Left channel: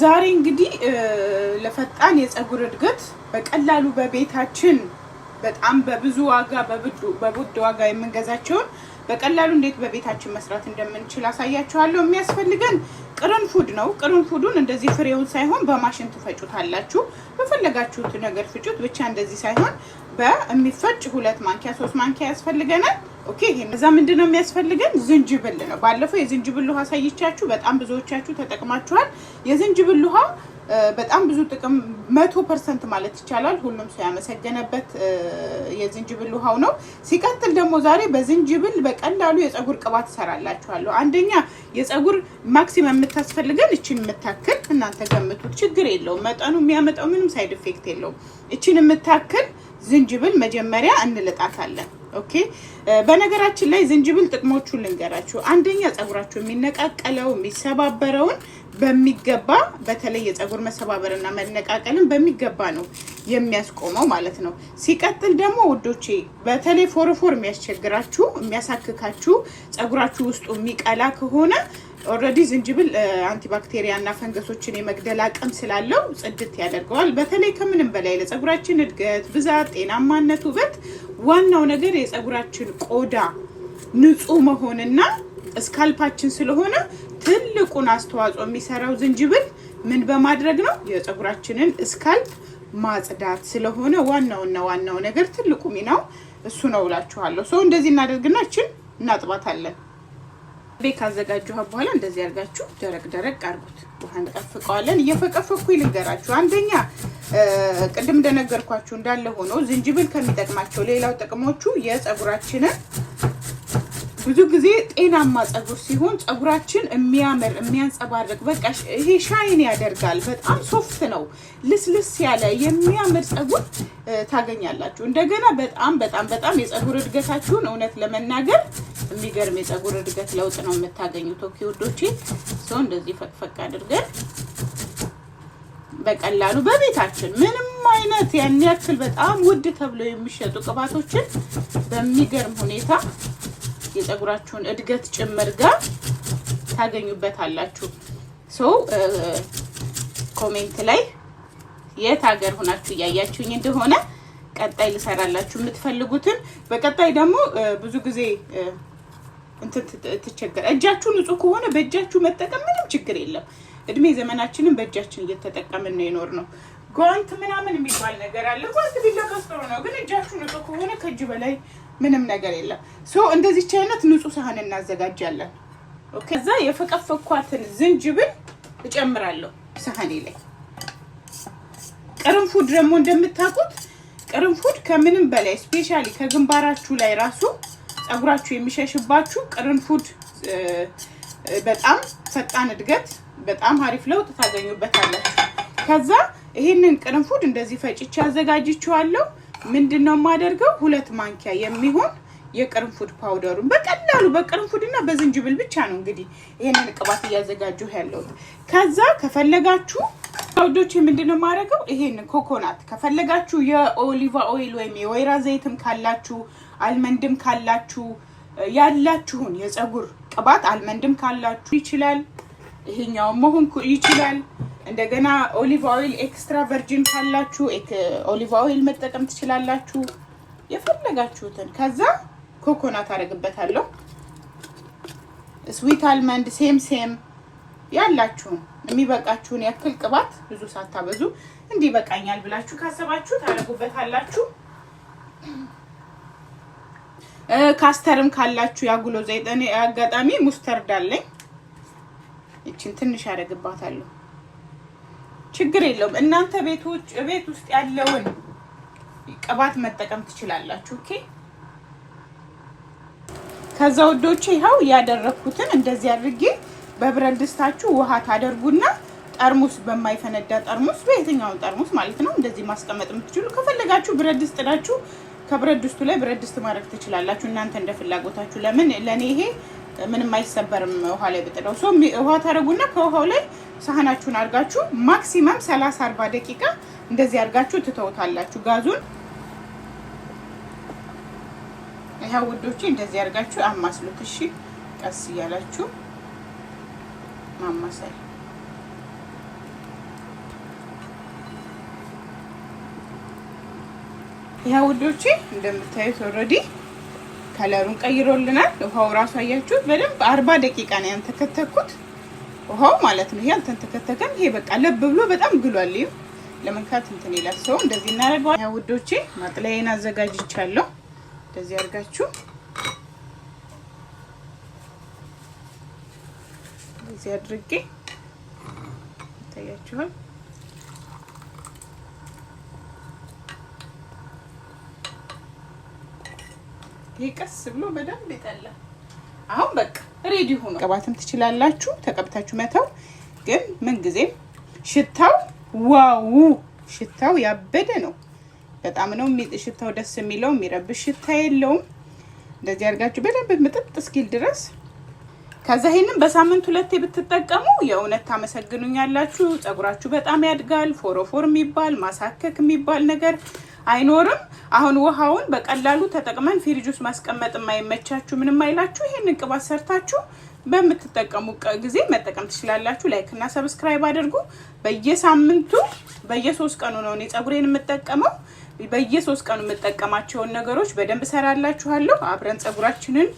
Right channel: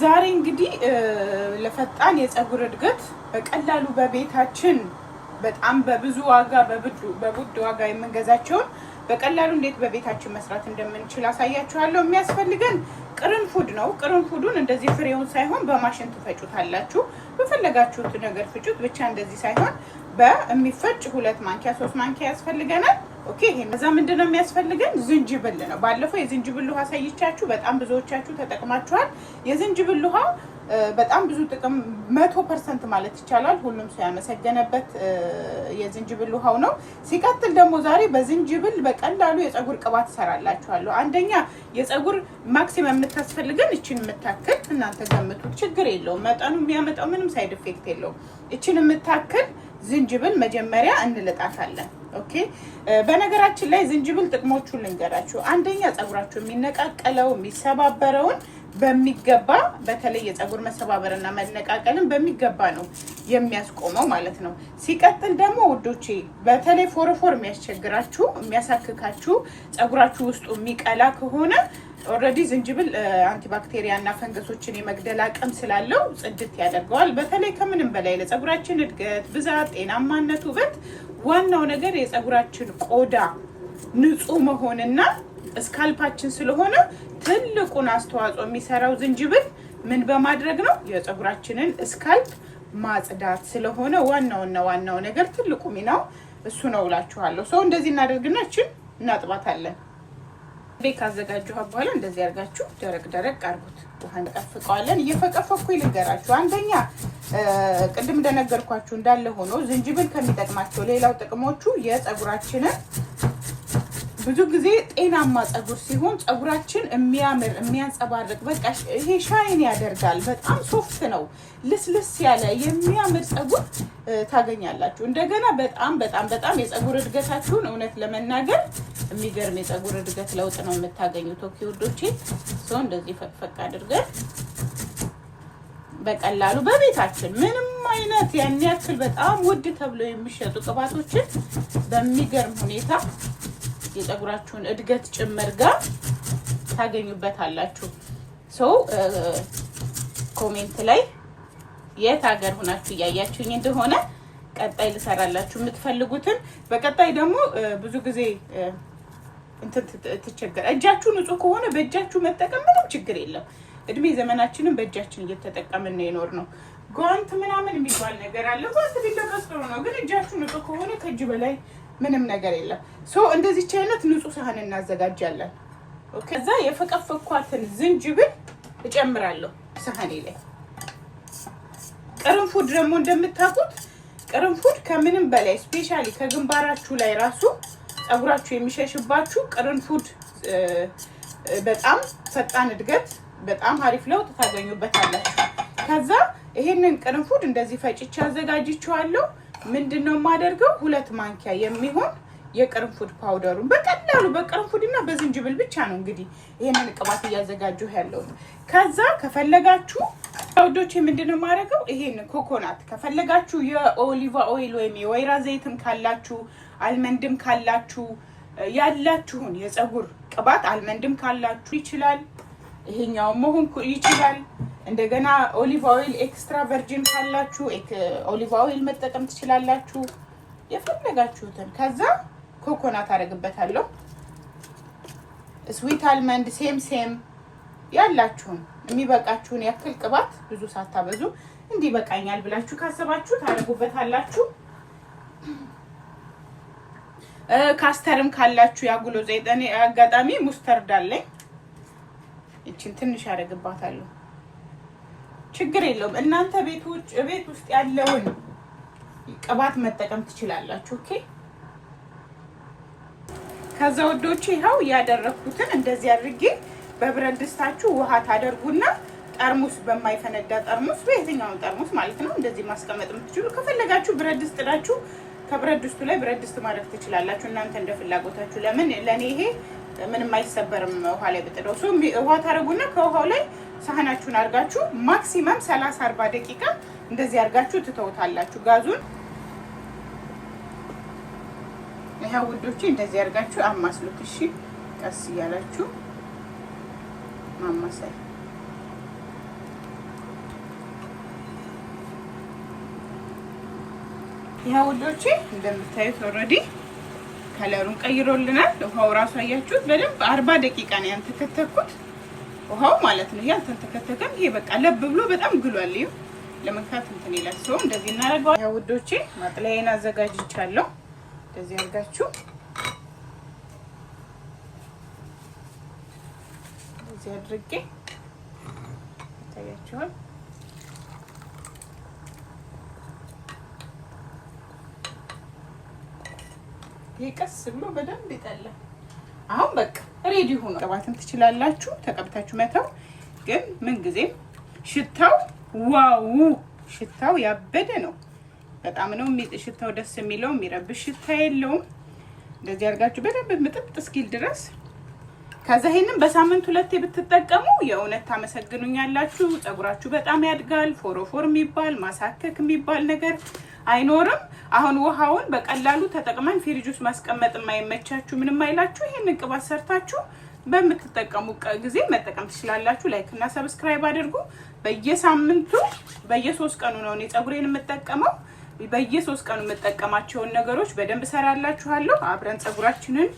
ዛሬ እንግዲህ ለፈጣን የፀጉር እድገት በቀላሉ በቤታችን በጣም በብዙ ዋጋ በውድ ዋጋ የምንገዛቸውን በቀላሉ እንዴት በቤታችን መስራት እንደምንችል አሳያችኋለሁ። የሚያስፈልገን ቅርንፉድ ነው። ቅርንፉዱን እንደዚህ ፍሬውን ሳይሆን በማሽን ትፈጩታላችሁ። በፈለጋችሁት ነገር ፍጩት፣ ብቻ እንደዚህ ሳይሆን በሚፈጭ 2 ማንኪያ 3 ማንኪያ ያስፈልገናል። ኦኬ። እዛ ምንድነው የሚያስፈልገን? ዝንጅብል ነው። ባለፈው የዝንጅብል ውሃ አሳይቻችሁ በጣም ብዙዎቻችሁ ተጠቅማችኋል። የዝንጅብል ውሃ በጣም ብዙ ጥቅም 100% ማለት ይቻላል ሁሉም ሰው ያመሰገነበት የዝንጅብል ውሃው ነው። ሲቀጥል ደግሞ ዛሬ በዝንጅብል በቀላሉ የፀጉር ቅባት እሰራላችኋለሁ። አንደኛ የፀጉር ማክሲመም የምታስፈልገን እቺን የምታክል እናንተ ገምቱት፣ ችግር የለውም መጠኑ የሚያመጣው ምንም ሳይድ ኢፌክት የለውም። እቺን የምታክል ዝንጅብል መጀመሪያ እንልጣታለን። ኦኬ። በነገራችን ላይ ዝንጅብል ጥቅሞቹን ልንገራችሁ። አንደኛ ፀጉራችሁ የሚነቃቀለው የሚሰባበረውን በሚገባ በተለይ የፀጉር መሰባበርና መነቃቀልን በሚገባ ነው የሚያስቆመው ማለት ነው። ሲቀጥል ደግሞ ውዶቼ በተለይ ፎረፎር የሚያስቸግራችሁ የሚያሳክካችሁ ፀጉራችሁ ውስጡ የሚቀላ ከሆነ ኦልሬዲ ዝንጅብል አንቲባክቴሪያ እና ፈንገሶችን የመግደል አቅም ስላለው ጽድት ያደርገዋል። በተለይ ከምንም በላይ ለፀጉራችን እድገት፣ ብዛት፣ ጤናማነት፣ ውበት ዋናው ነገር የፀጉራችን ቆዳ ንጹህ መሆንና ስካልፓችን ስለሆነ ትልቁን አስተዋጽኦ የሚሰራው ዝንጅብል ምን በማድረግ ነው? የፀጉራችንን ስካልፕ ማጽዳት ስለሆነ ዋናው ነገር ትልቁ ሚናው እሱ ነው እላችኋለሁ። ሰው እንደዚህ እናደርግና እችን እናጥባታለን። ቤክ አዘጋጀሁ በኋላ እንደዚህ አድርጋችሁ ደረቅ አድርጉት። ውሃ እንጠፍቀዋለን። እየፈቀፈኩ ልንገራችሁ። አንደኛ ቅድም እንደነገርኳችሁ እንዳለ ሆኖ ዝንጅብል ከሚጠቅማቸው ሌላው ጥቅሞቹ የፀጉራችንን ብዙ ጊዜ ጤናማ ፀጉር ሲሆን ፀጉራችን የሚያምር የሚያንጸባርቅ በቃ ይሄ ሻይን ያደርጋል። በጣም ሶፍት ነው፣ ልስልስ ያለ የሚያምር ፀጉር ታገኛላችሁ። እንደገና በጣም የፀጉር እድገታችሁን እውነት ለመናገር የሚገርም የፀጉር እድገት ለውጥ ነው የምታገኙት። ኦኬ ውዶቼ፣ ሰው እንደዚህ ፈቅፈቅ አድርገን በቀላሉ በቤታችን ምንም አይነት ያን ያክል በጣም ውድ ተብሎ የሚሸጡ ቅባቶችን በሚገርም ሁኔታ የፀጉራችሁን እድገት ጭምር ጋር ታገኙበታላችሁ። ሶ ኮሜንት ላይ የት ሀገር ሆናችሁ እያያችሁኝ እንደሆነ ቀጣይ ልሰራላችሁ የምትፈልጉትን። በቀጣይ ደግሞ ብዙ ጊዜ ትቸገር እጃችሁ ንጹህ ከሆነ በእጃችሁ መጠቀም ምንም ችግር የለም። እድሜ ዘመናችንን በእጃችን እየተጠቀምን ነው የኖር ነው። ጓንት ምናምን የሚባል ነገር አለ። ጓንት ቢለበስ ጥሩ ነው፣ ግን እጃችሁ ንጹህ ከሆነ ከእጅ በላይ ምንም ነገር የለም። ሶ እንደዚህ አይነት ንጹህ ሳህን እናዘጋጃለን። ኦኬ። ከዛ የፈቀፈኳትን ዝንጅብል እጨምራለሁ ሳህኔ ላይ። ቅርንፉድ ደግሞ እንደምታውቁት ቅርንፉድ ከምንም በላይ ስፔሻሊ ከግንባራችሁ ላይ ራሱ ፀጉራችሁ የሚሸሽባችሁ ቅርንፉድ በጣም ፈጣን እድገት በጣም አሪፍ ለውጥ ታገኙበታላችሁ። ከዛ ይሄንን ቅርንፉድ እንደዚህ ፈጭቼ አዘጋጅቼዋለሁ። ምንድነው የማደርገው? 2 ማንኪያ የሚሆን የቅርንፉድ ፓውደሩን በቀላሉ በቅርንፉድና በዝንጅብል ብቻ ነው እንግዲህ ይሄንን ቅባት እያዘጋጀሁ ያለሁት። ከዛ ከፈለጋችሁ ውዶቼ ምንድነው የማደርገው? ይሄንን ኮኮናት ከፈለጋችሁ የኦሊቫ ኦይል ወይም የወይራ ዘይትም ካላችሁ አልመንድም ካላችሁ ያላችሁን የፀጉር ቅባት አልመንድም ካላችሁ ይችላል፣ ይሄኛው መሆን ይችላል። እንደገና ኦሊቭ ኦይል ኤክስትራ ቨርጂን ካላችሁ ኦሊቭ ኦይል መጠቀም ትችላላችሁ፣ የፈለጋችሁትን። ከዛ ኮኮናት አደርግበታለሁ። ስዊት አልመንድ ሴም ያላችሁን የሚበቃችሁን ያክል ቅባት ብዙ ሳታበዙ እንዲህ በቃኛል ብላችሁ ካሰባችሁ ታደርጉበታላችሁ። ካስተርም ካላችሁ ያጉሎ ዘይት፣ እኔ አጋጣሚ ሙስተርድ አለኝ፣ እቺን ትንሽ አደርግባታለሁ። ችግር የለውም። እናንተ ቤት ውስጥ ያለውን ቅባት መጠቀም ትችላላችሁ። ኦኬ። ከዛ ወዶቼ ይኸው ያደረኩትን እንደዚህ አድርጌ በብረት ድስታችሁ ውሃ ታደርጉና ጠርሙስ በማይፈነዳ ጠርሙስ በየትኛው ጠርሙስ ማለት ነው እንደዚህ ማስቀመጥ የምትችሉ። ከፈለጋችሁ ብረት ድስት ጥዳችሁ ከብረት ድስቱ ላይ ብረት ድስት ማድረግ ትችላላችሁ እናንተ እንደፍላጎታችሁ። ለምን ለኔ ይሄ ምንም አይሰበርም ውሃ ላይ ብጥደው። ሶ ውሃ ታደርጉና ከውሃው ላይ ሳህናችሁን አድርጋችሁ ማክሲመም 30-40 ደቂቃ እንደዚህ አድርጋችሁ ትተውታላችሁ ጋዙን። ይሄው ውዶቼ እንደዚህ አድርጋችሁ አማስሉት። እሺ ቀስ እያላችሁ ማማሳይ ይሄ ውዶቼ እንደምታዩት ኦሬዲ ከለሩን ቀይሮልናል። ውሃው ራሱ አያችሁት በደንብ 40 ደቂቃ ነው ያንተከተኩት ውሃው ማለት ነው። ይሄ አልተንተከተከም። ይሄ በቃ ለብ ብሎ በጣም ግሏል። ይሄ ለመንካት እንትን ይላል። ሰው እንደዚህ እናደርገዋለን። ያ ውዶቼ ማጥለያዬን አዘጋጅቻለሁ። እንደዚህ አድርጋችሁ እንደዚህ አድርጌ ታያችኋል። ይቀስ ብሎ በደንብ ይጠላል። አሁን በቃ ሬዲ ሆኖ ቀባትም ትችላላችሁ። ተቀብታችሁ መተው። ግን ምን ጊዜም ሽታው ዋው ሽታው ያበደ ነው። በጣም ነው ሽታው ደስ የሚለው። የሚረብሽ ሽታ የለውም። እንደዚህ አድርጋችሁ በደንብ ምጥጥ እስኪል ድረስ ከዛ ይሄንን በሳምንት 2 ብትጠቀሙ የእውነት ታመሰግኑኛላችሁ። ፀጉራችሁ በጣም ያድጋል። ፎሮፎር የሚባል ማሳከክ የሚባል ነገር አይኖርም። አሁን ውሃውን በቀላሉ ተጠቅመን ፍሪጅ ውስጥ ማስቀመጥ የማይመቻችሁ ምንም አይላችሁ ይሄንን ቅባት ሰርታችሁ በምትጠቀሙ ጊዜ መጠቀም ትችላላችሁ። ላይክ እና ሰብስክራይብ አድርጉ። በየሳምንቱ በየ3 ቀኑ ነው እኔ ፀጉሬን የምጠቀመው። በየ3 ቀኑ የምጠቀማቸውን ነገሮች በደንብ ሰራላችኋለሁ። አብረን ፀጉራችንን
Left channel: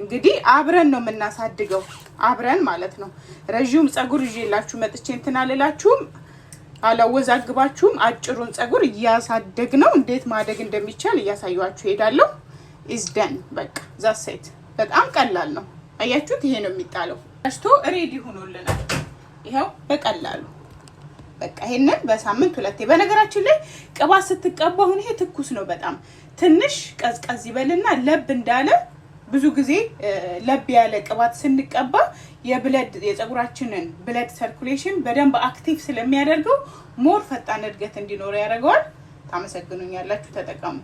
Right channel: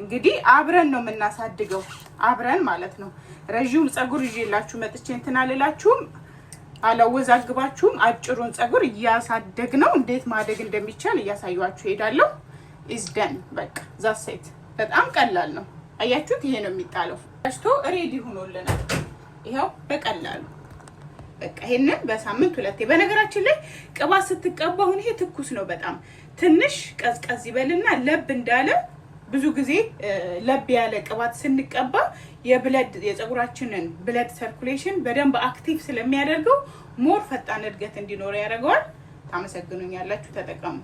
እንግዲህ አብረን ነው የምናሳድገው። አብረን ማለት ነው። ረጅም ፀጉር ይዤላችሁ መጥቼ እንትን አልላችሁም፣ አላወዛግባችሁም። አጭሩን ፀጉር እያሳደግ ነው እንዴት ማደግ እንደሚቻል እያሳያችሁ ሄዳለሁ። ኢዝ ደን በቃ ዛሴት በጣም ቀላል ነው። አያችሁት? ይሄ ነው የሚጣለው። አሽቶ ሬዲ ሆኖልናል። ይሄው በቀላሉ በቃ ይሄንን በሳምንት 2 በነገራችን ላይ ቅባት ስትቀባ አሁን ይሄ ትኩስ ነው። በጣም ትንሽ ቀዝቀዝ ይበልና ለብ እንዳለ ብዙ ጊዜ ለብ ያለ ቅባት ስንቀባ የፀጉራችንን ብለድ ሰርኩሌሽን በደንብ አክቲቭ ስለሚያደርገው ሞር ፈጣን እድገት እንዲኖር ያደርገዋል። ታመሰግኑኛላችሁ። ተጠቀሙ።